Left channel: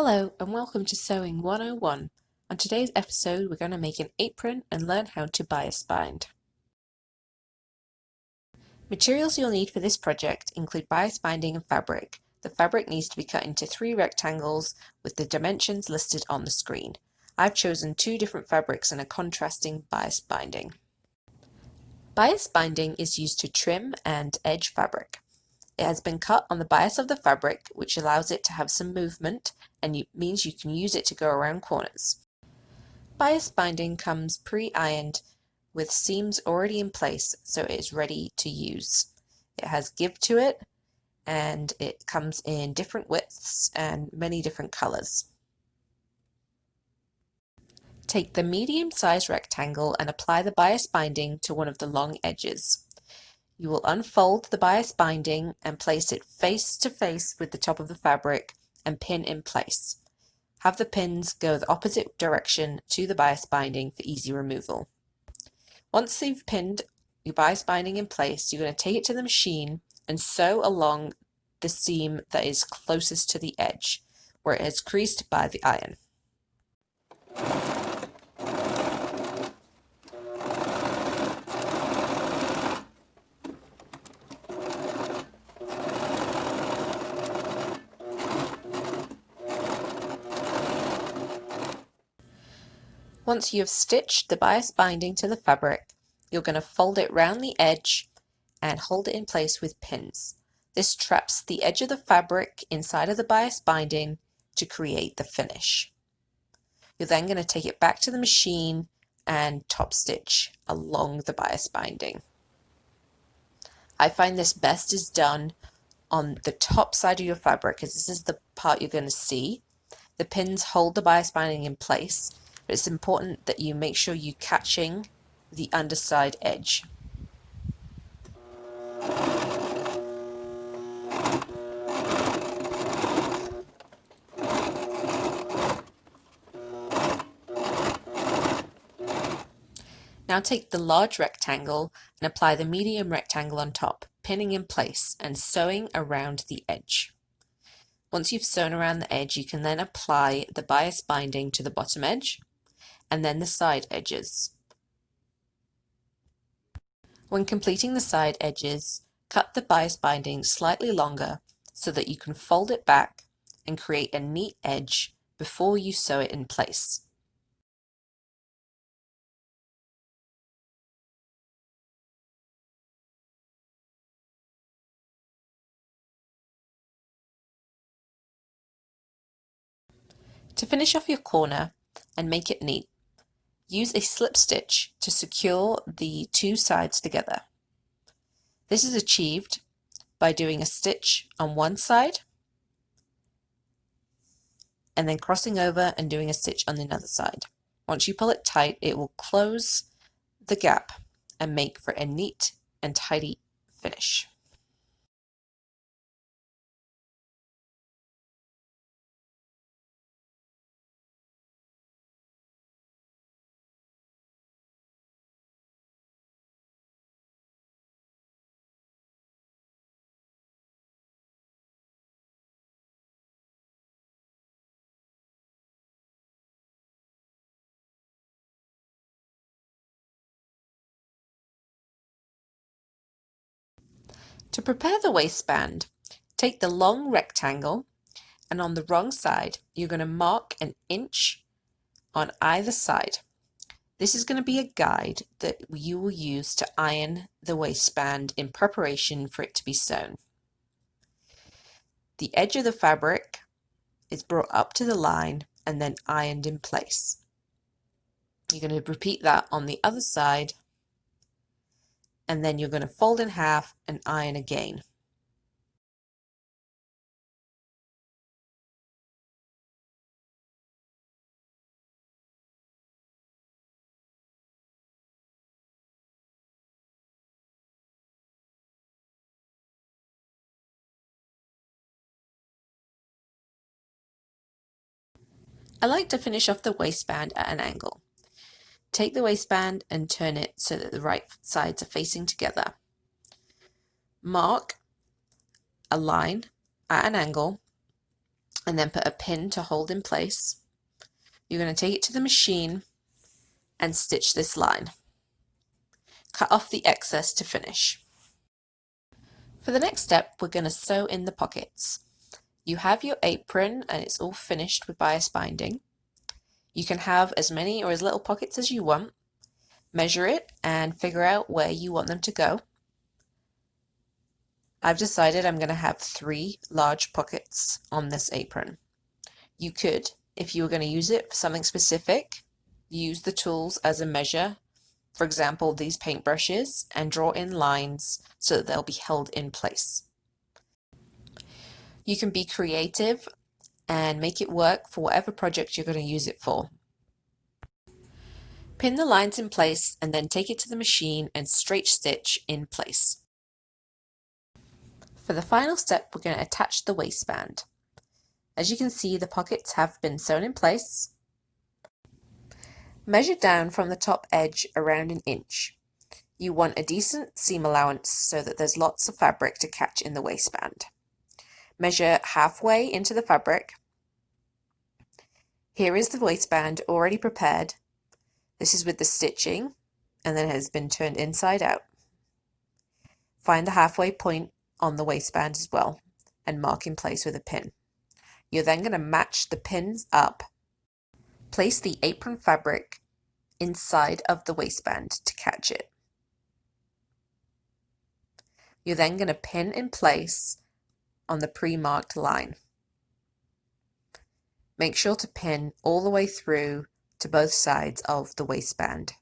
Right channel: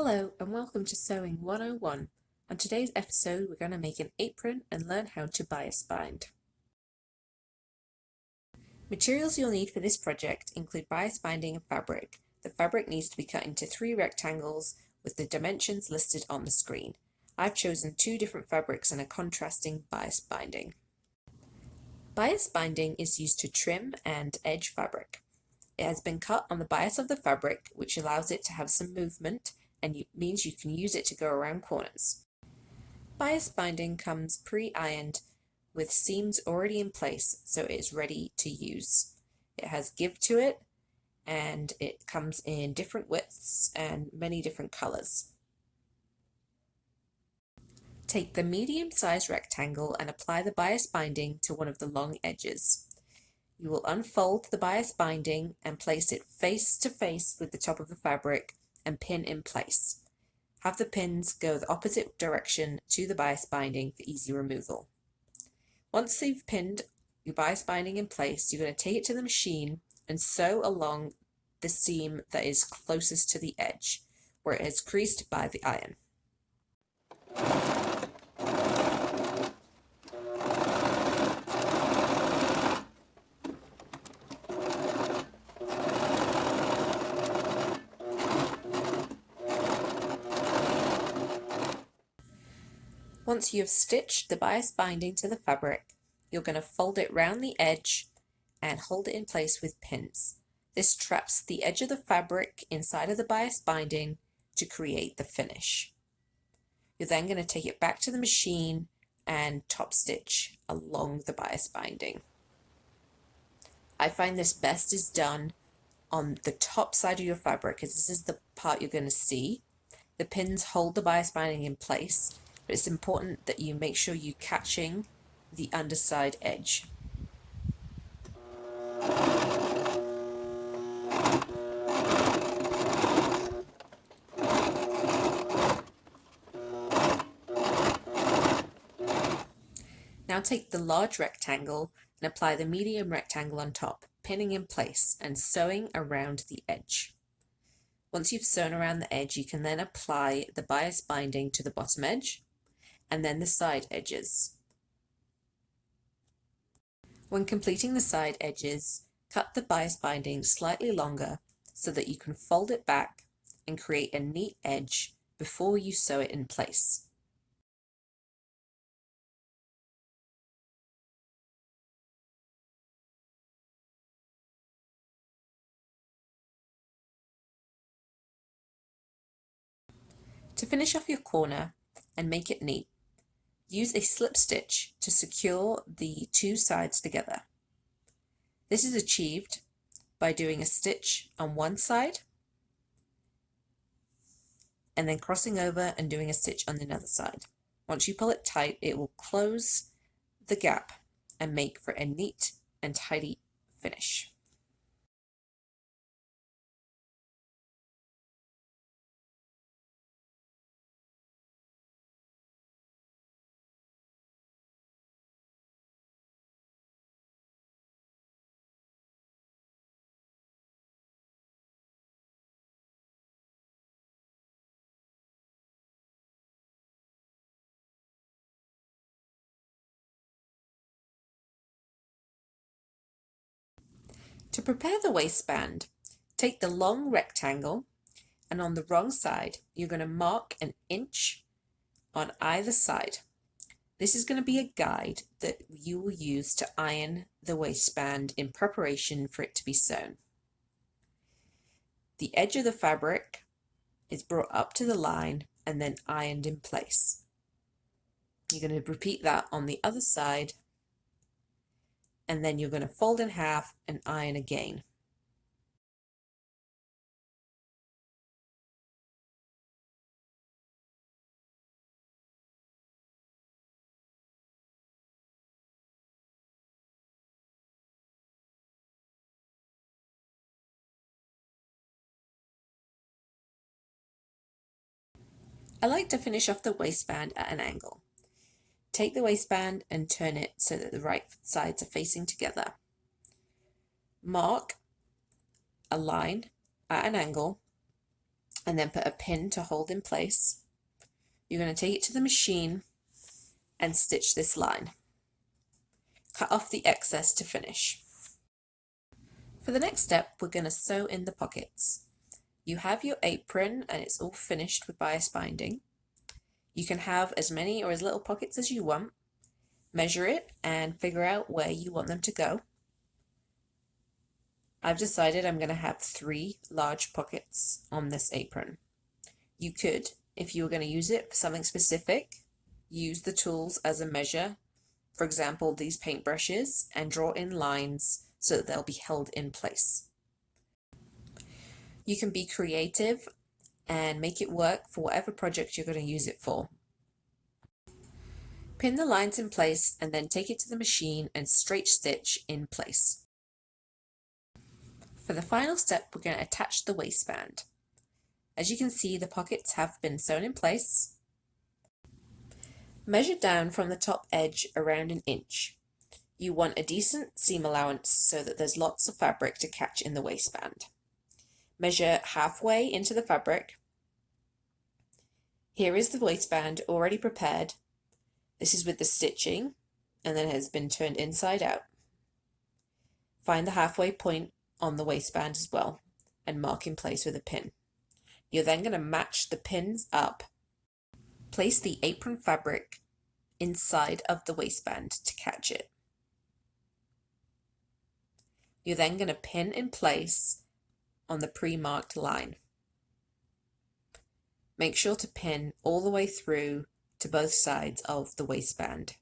Hello and welcome to Sewing 101. On today's episode we're going to make an apron and learn how to bias bind. Materials you'll need for this project include bias binding and fabric. The fabric needs to be cut into 3 rectangles with the dimensions listed on the screen. I've chosen 2 different fabrics and a contrasting bias binding. Bias binding is used to trim and edge fabric. It has been cut on the bias of the fabric, which allows it to have some movement and means you can use it to go around corners. Bias binding comes pre-ironed with seams already in place, so it is ready to use. It has give to it and it comes in different widths and many different colors. Take the medium-sized rectangle and apply the bias binding to one of the long edges. You will unfold the bias binding and place it face to face with the top of the fabric and pin in place. Have the pins go the opposite direction to the bias binding for easy removal. Once you've pinned your bias binding in place, you're going to take it to the machine and sew along the seam that is closest to the edge, where it is creased by the iron. Once you have stitched the bias binding to the fabric, you're going to fold it round the edge and hold it in place with pins. This traps the edge of the fabric inside of the bias binding to create the finish. You're then going to take it back to the machine and top stitch along the bias binding. I find this best is done on the top side of your fabric because this is the part you're going to see. The pins hold the bias binding in place, but it's important that you make sure you're catching the underside edge. Now take the large rectangle and apply the medium rectangle on top, pinning in place and sewing around the edge. Once you've sewn around the edge, you can then apply the bias binding to the bottom edge and then the side edges. When completing the side edges, cut the bias binding slightly longer so that you can fold it back and create a neat edge before you sew it in place. To finish off your corner and make it neat, use a slip stitch to secure the 2 sides together. This is achieved by doing a stitch on one side and then crossing over and doing a stitch on the other side. Once you pull it tight, it will close the gap and make for a neat and tidy finish. To prepare the waistband, take the long rectangle and on the wrong side you're going to mark an inch on either side. This is going to be a guide that you will use to iron the waistband in preparation for it to be sewn. The edge of the fabric is brought up to the line and then ironed in place. You're going to repeat that on the other side and then you're going to fold in half and iron again. I like to finish off the waistband at an angle. Take the waistband and turn it so that the right sides are facing together. Mark a line at an angle and then put a pin to hold in place. You're going to take it to the machine and stitch this line. Cut off the excess to finish. For the next step, we're going to sew in the pockets. You have your apron and it's all finished with bias binding. You can have as many or as little pockets as you want. Measure it and figure out where you want them to go. I've decided I'm going to have 3 large pockets on this apron. You could, if you were going to use it for something specific, use the tools as a measure, for example these paintbrushes, and draw in lines so that they'll be held in place. You can be creative and make it work for whatever project you're going to use it for. Pin the lines in place and then take it to the machine and straight stitch in place. For the final step, we're going to attach the waistband. As you can see, the pockets have been sewn in place. Measure down from the top edge around 1 inch. You want a decent seam allowance so that there's lots of fabric to catch in the waistband. Measure halfway into the fabric. Here is the waistband already prepared. This is with the stitching and then it has been turned inside out. Find the halfway point on the waistband as well and mark in place with a pin. You're then going to match the pins up. Place the apron fabric inside of the waistband to catch it. You're then going to pin in place on the pre-marked line. Make sure to pin all the way through to both sides of the waistband.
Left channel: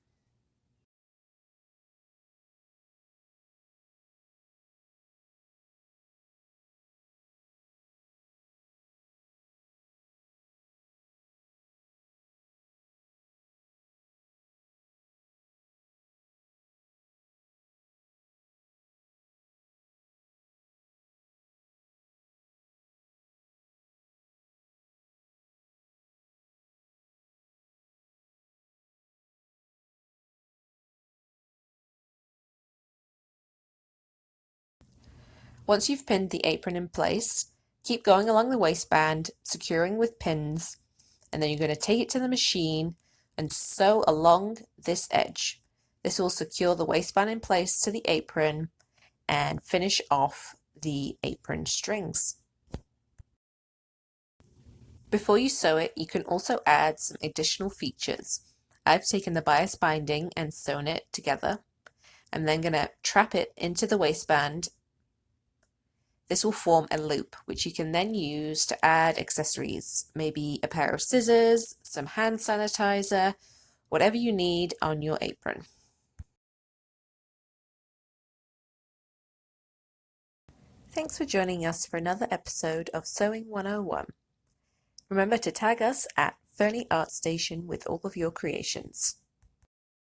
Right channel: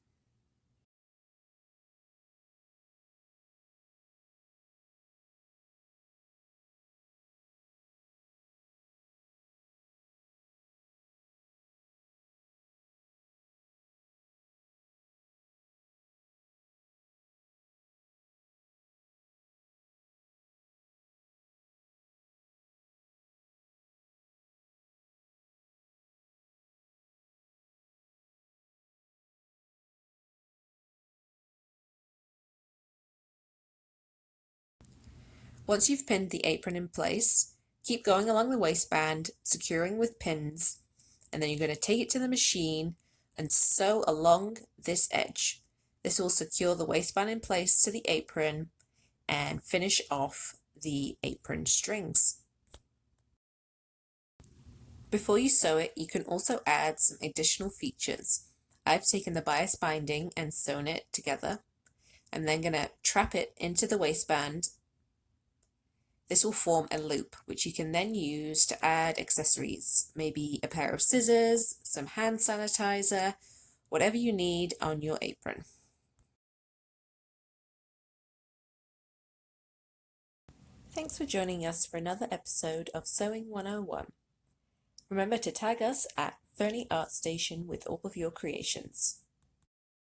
Once you've pinned the apron in place, keep going along the waistband, securing with pins, and then you're going to take it to the machine and sew along this edge. This will secure the waistband in place to the apron and finish off the apron strings. Before you sew it, you can also add some additional features. I've taken the bias binding and sewn it together. I'm then going to trap it into the waistband. This will form a loop, which you can then use to add accessories, maybe a pair of scissors, some hand sanitizer, whatever you need on your apron. Thanks for joining us for another episode of Sewing 101. Remember to tag us at Fernie Art Station with all of your creations.